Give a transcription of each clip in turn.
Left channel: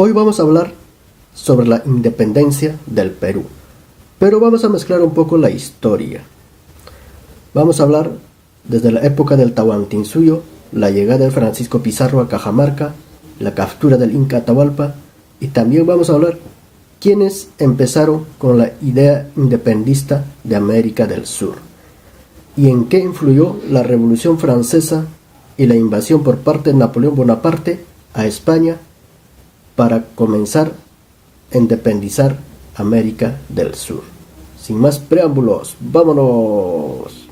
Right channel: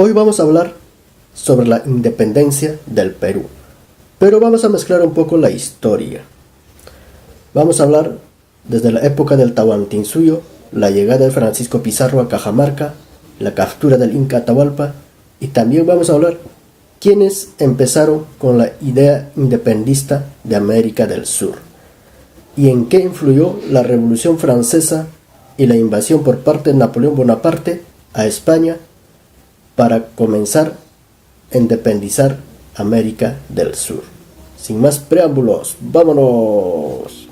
Hoy vamos a hablar sobre la independencia del Perú, pero vamos a mezclar un poco la historia. Vamos a hablar desde la época del Tahuantinsuyo, la llegada de Francisco Pizarro a Cajamarca, la captura del Inca Atahualpa, y también vamos a hablar quiénes empezaron con la idea independista de América del Sur y en qué influyó la Revolución Francesa y la invasión por parte de Napoleón Bonaparte a España para comenzar a independizar América del Sur. Sin más preámbulos, ¡vámonos!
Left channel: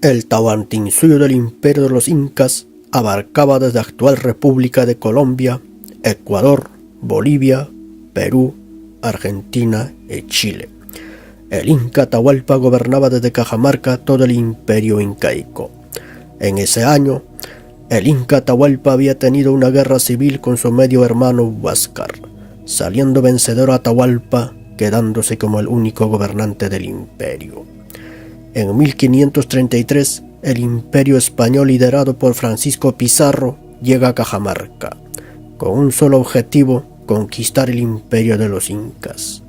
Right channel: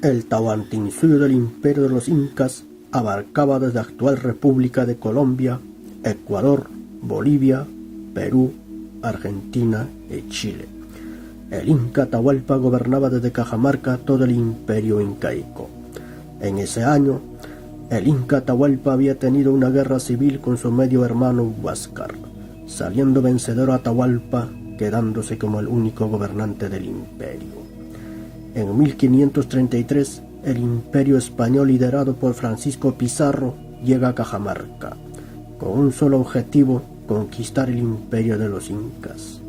El Tahuantinsuyo del Imperio de los Incas abarcaba desde la actual República de Colombia, Ecuador, Bolivia, Perú, Argentina y Chile. El Inca Atahualpa gobernaba desde Cajamarca todo el imperio incaico. En ese año, el Inca Atahualpa había tenido una guerra civil con su medio hermano Huáscar, saliendo vencedor Atahualpa, quedándose como el único gobernante del imperio. En 1533, el imperio español liderado por Francisco Pizarro llega a Cajamarca, con un solo objetivo: conquistar el imperio de los incas.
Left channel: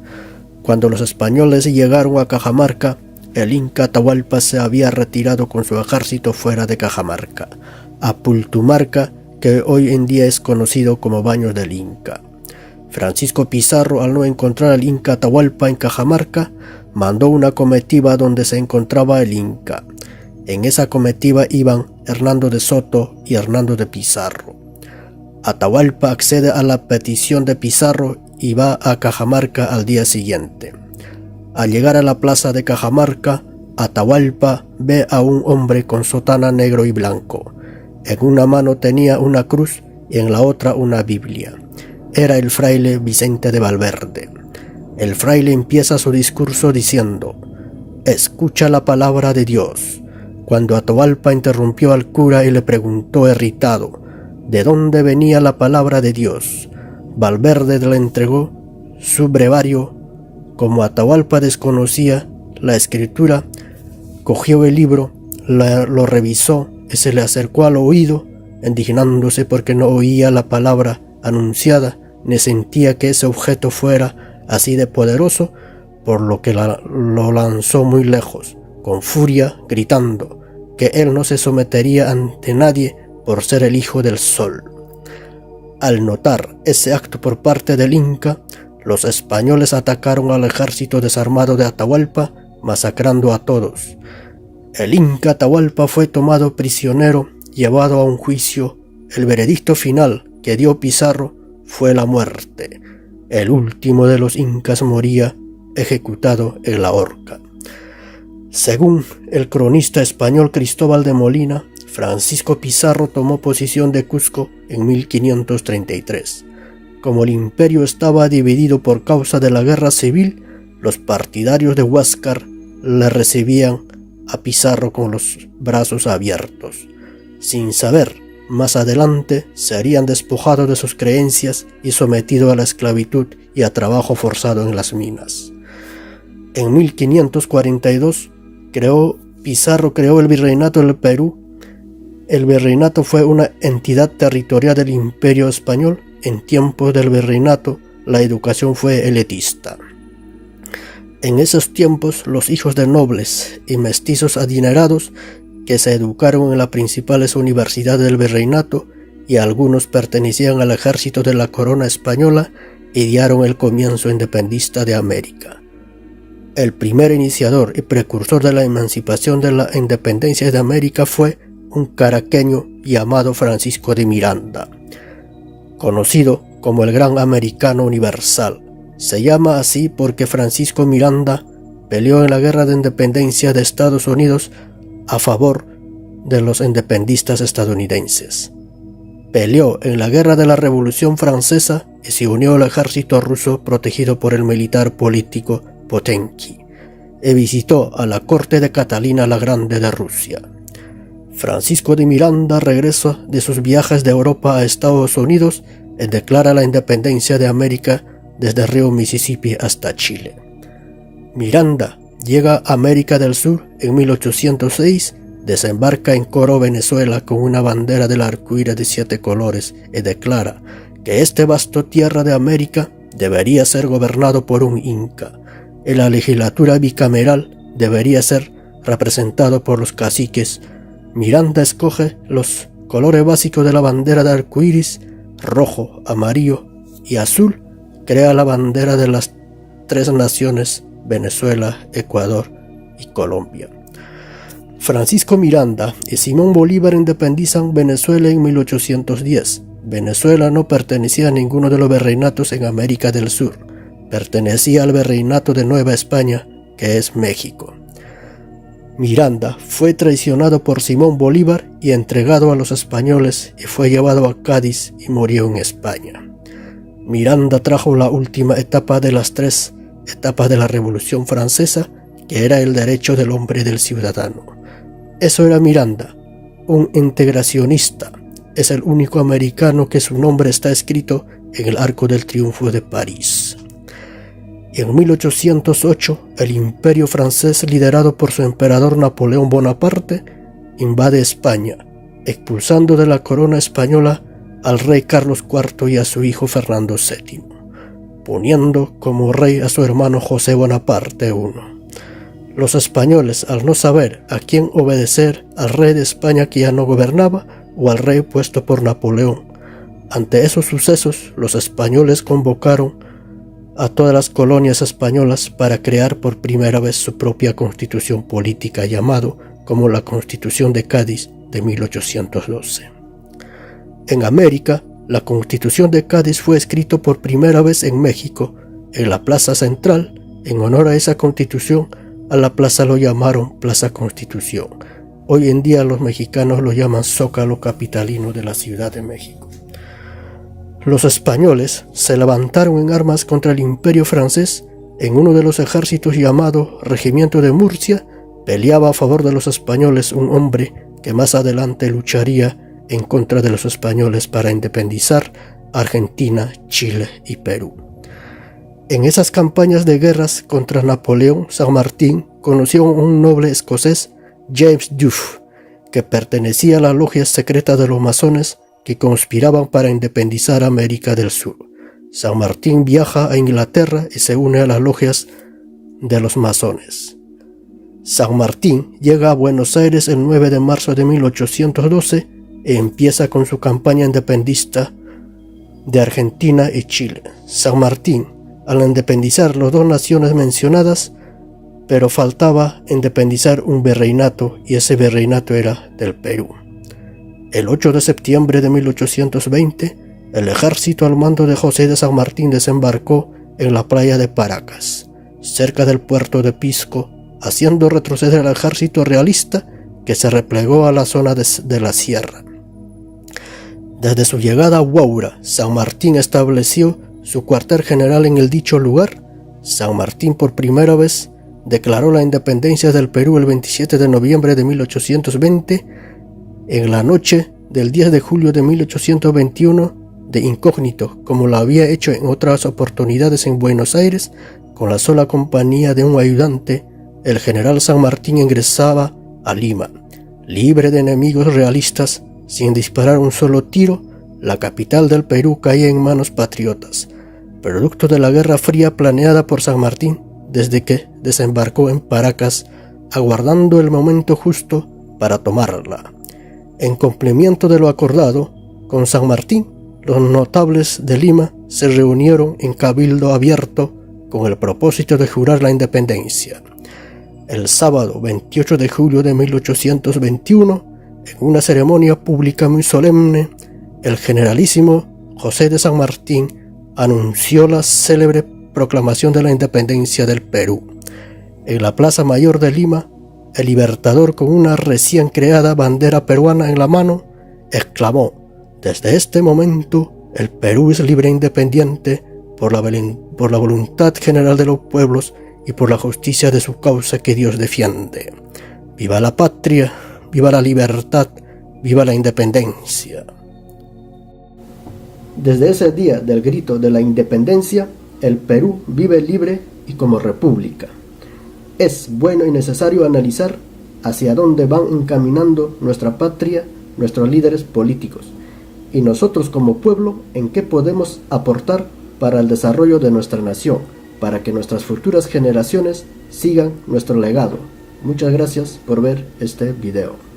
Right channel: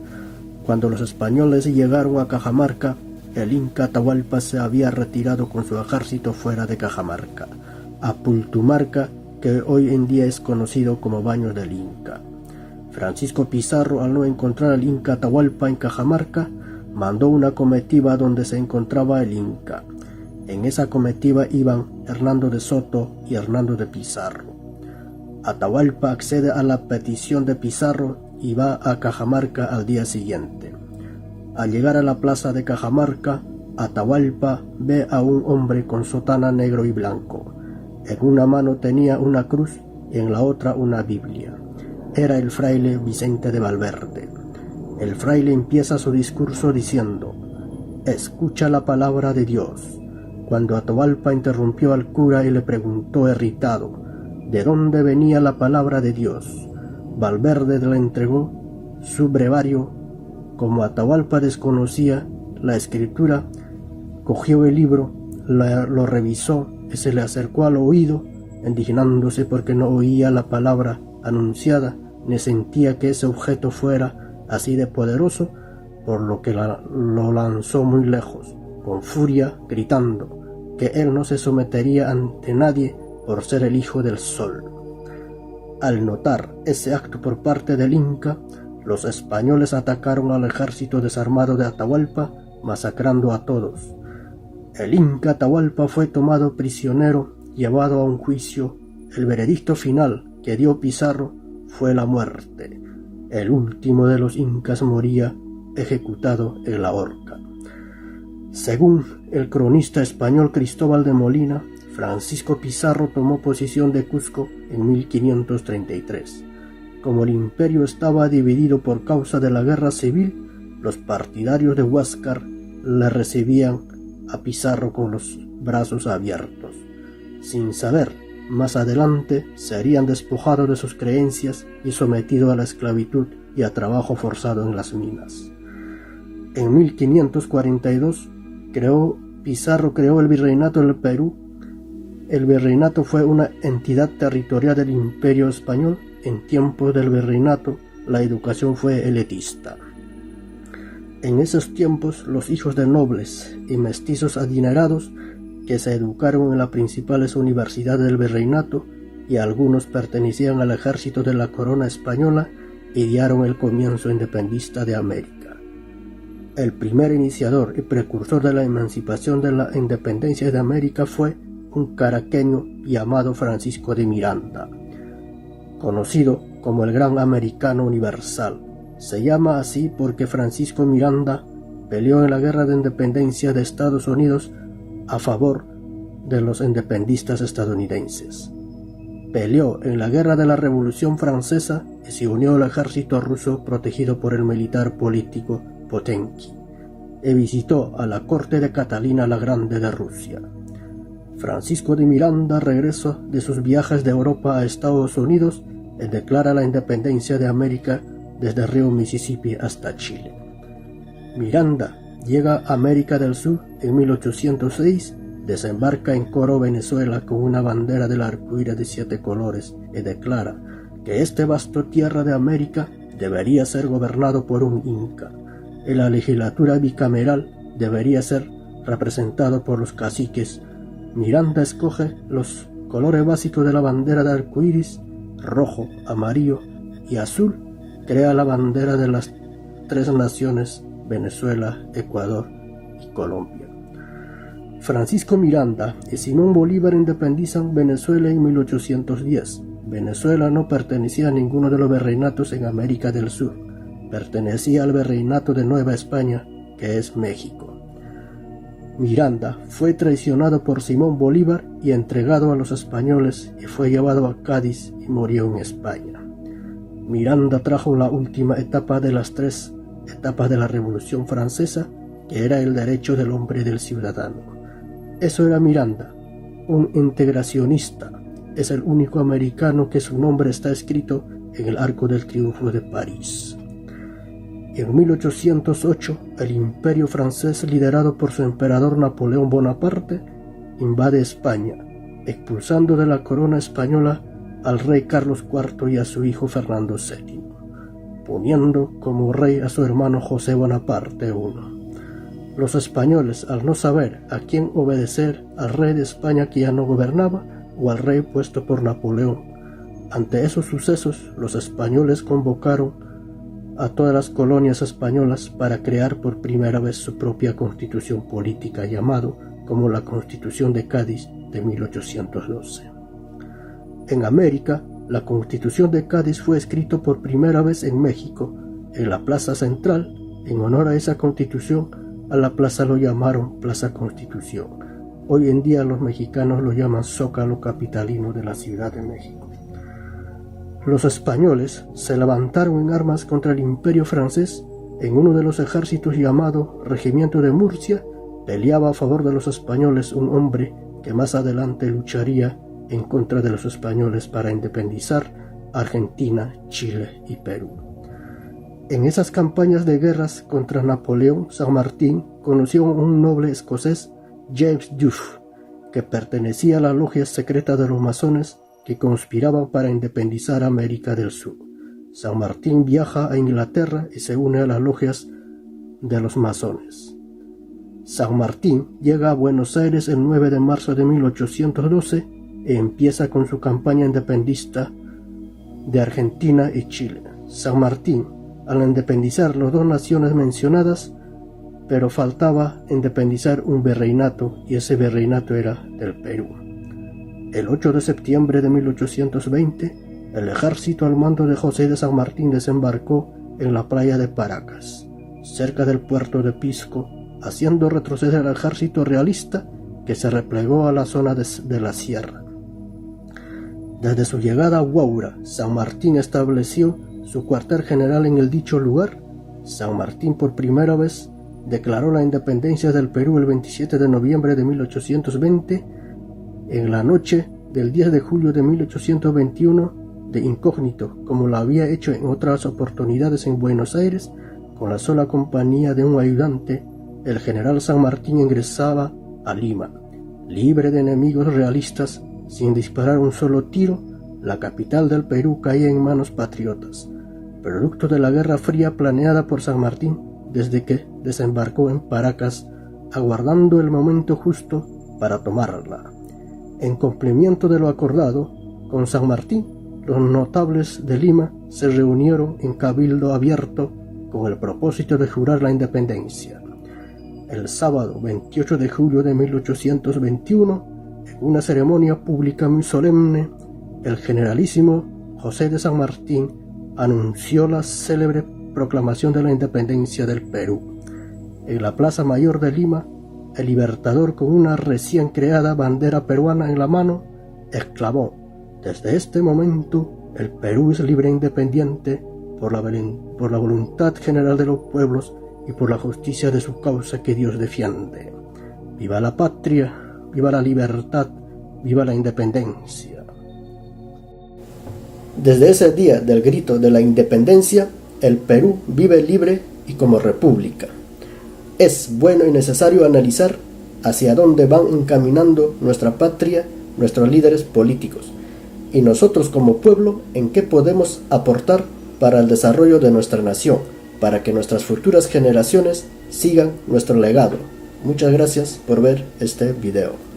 Cuando los españoles llegaron a Cajamarca, el Inca Atahualpa se había retirado con su ejército fuera de Cajamarca, a Pultumarca, que hoy en día es conocido como Baños del Inca. Francisco Pizarro, al no encontrar al Inca Atahualpa en Cajamarca, mandó una comitiva donde se encontraba el Inca. En esa comitiva iban Hernando de Soto y Hernando de Pizarro. Atahualpa accede a la petición de Pizarro y va a Cajamarca al día siguiente. Al llegar a la plaza de Cajamarca, Atahualpa ve a un hombre con sotana negro y blanco. En una mano tenía una cruz y en la otra una Biblia. Era el fraile Vicente de Valverde. El fraile empieza su discurso diciendo: «Escucha la palabra de Dios». Cuando Atahualpa interrumpió al cura y le preguntó irritado de dónde venía la palabra de Dios, Valverde le entregó su brevario. Como Atahualpa desconocía la escritura, cogió el libro, lo revisó y se le acercó al oído, indignándose porque no oía la palabra anunciada ni sentía que ese objeto fuera así de poderoso, por lo que lo lanzó muy lejos, con furia, gritando que él no se sometería ante nadie por ser el hijo del sol. Al notar ese acto por parte del Inca, los españoles atacaron al ejército desarmado de Atahualpa, masacrando a todos. El Inca Atahualpa fue tomado prisionero, llevado a un juicio. El veredicto final que dio Pizarro fue la muerte. El último de los incas moría ejecutado en la horca. Según el cronista español Cristóbal de Molina, Francisco Pizarro tomó posesión de Cusco en 1533. Como el imperio estaba dividido por causa de la guerra civil, los partidarios de Huáscar le recibían a Pizarro con los brazos abiertos. Sin saber, más adelante serían despojados de sus creencias y sometidos a la esclavitud y a trabajo forzado en las minas. En 1542 Pizarro creó el Virreinato del Perú. El virreinato fue una entidad territorial del Imperio Español. En tiempos del virreinato, la educación fue elitista. En esos tiempos, los hijos de nobles y mestizos adinerados que se educaron en las principales universidades del virreinato y algunos pertenecían al ejército de la corona española, idearon el comienzo independista de América. El primer iniciador y precursor de la emancipación de la independencia de América fue un caraqueño llamado Francisco de Miranda, conocido como el Gran Americano Universal. Se llama así porque Francisco Miranda peleó en la Guerra de Independencia de Estados Unidos a favor de los independistas estadounidenses. Peleó en la Guerra de la Revolución Francesa y se unió al ejército ruso protegido por el militar político Potenki, y visitó a la corte de Catalina la Grande de Rusia. Francisco de Miranda regresa de sus viajes de Europa a Estados Unidos y declara la independencia de América desde el río Mississippi hasta Chile. Miranda llega a América del Sur en 1806, desembarca en Coro, Venezuela, con una bandera del arco iris de 7 colores y declara que este vasto tierra de América debería ser gobernado por un inca, y la legislatura bicameral debería ser representado por los caciques. Miranda escoge los colores básicos de la bandera de arcoíris, rojo, amarillo y azul, crea la bandera de las tres naciones, Venezuela, Ecuador y Colombia. Francisco Miranda y Simón Bolívar independizan Venezuela en 1810. Venezuela no pertenecía a ninguno de los virreinatos en América del Sur, pertenecía al virreinato de Nueva España, que es México. Miranda fue traicionado por Simón Bolívar y entregado a los españoles y fue llevado a Cádiz y murió en España. Miranda trajo la última etapa de las tres etapas de la Revolución Francesa, que era el derecho del hombre y del ciudadano. Eso era Miranda, un integracionista. Es el único americano que su nombre está escrito en el Arco del Triunfo de París. En 1808, el imperio francés, liderado por su emperador Napoleón Bonaparte, invade España, expulsando de la corona española al rey Carlos IV y a su hijo Fernando VII, poniendo como rey a su hermano José Bonaparte I. Los españoles, al no saber a quién obedecer, al rey de España que ya no gobernaba o al rey puesto por Napoleón. Ante esos sucesos, los españoles convocaron a todas las colonias españolas para crear por primera vez su propia constitución política, llamado como la Constitución de Cádiz de 1812. En América, la Constitución de Cádiz fue escrita por primera vez en México, en la Plaza Central. En honor a esa Constitución, a la plaza lo llamaron Plaza Constitución. Hoy en día los mexicanos lo llaman Zócalo capitalino de la Ciudad de México. Los españoles se levantaron en armas contra el imperio francés. En uno de los ejércitos llamado Regimiento de Murcia, peleaba a favor de los españoles un hombre que más adelante lucharía en contra de los españoles para independizar Argentina, Chile y Perú. En esas campañas de guerras contra Napoleón, San Martín conoció a un noble escocés, James Duff, que pertenecía a la logia secreta de los masones que conspiraban para independizar América del Sur. San Martín viaja a Inglaterra y se une a las logias de los masones. San Martín llega a Buenos Aires el 9 de marzo de 1812 y empieza con su campaña independista de Argentina y Chile. San Martín, al independizar las dos naciones mencionadas, pero faltaba independizar un virreinato, y ese virreinato era del Perú. El 8 de septiembre de 1820, el ejército al mando de José de San Martín desembarcó en la playa de Paracas, cerca del puerto de Pisco, haciendo retroceder al ejército realista, que se replegó a la zona de la sierra. Desde su llegada a Huaura, San Martín estableció su cuartel general en el dicho lugar. San Martín por primera vez declaró la independencia del Perú el 27 de noviembre de 1820. En la noche del 10 de julio de 1821, de incógnito, como lo había hecho en otras oportunidades en Buenos Aires, con la sola compañía de un ayudante, el general San Martín ingresaba a Lima, libre de enemigos realistas. Sin disparar un solo tiro, la capital del Perú caía en manos patriotas, producto de la Guerra Fría planeada por San Martín desde que desembarcó en Paracas, aguardando el momento justo para tomarla. En cumplimiento de lo acordado con San Martín, los notables de Lima se reunieron en cabildo abierto con el propósito de jurar la independencia. El sábado 28 de julio de 1821, en una ceremonia pública muy solemne, el generalísimo José de San Martín anunció la célebre proclamación de la independencia del Perú. En la Plaza Mayor de Lima, el Libertador, con una recién creada bandera peruana en la mano, exclamó: «Desde este momento, el Perú es libre e independiente por la voluntad general de los pueblos y por la justicia de su causa que Dios defiende. ¡Viva la patria! ¡Viva la libertad! ¡Viva la independencia!». Desde ese día del grito de la independencia, el Perú vive libre y como república. Es bueno y necesario analizar hacia dónde van encaminando nuestra patria, nuestros líderes políticos, y nosotros como pueblo en qué podemos aportar para el desarrollo de nuestra nación, para que nuestras futuras generaciones sigan nuestro legado. Muchas gracias por ver este video.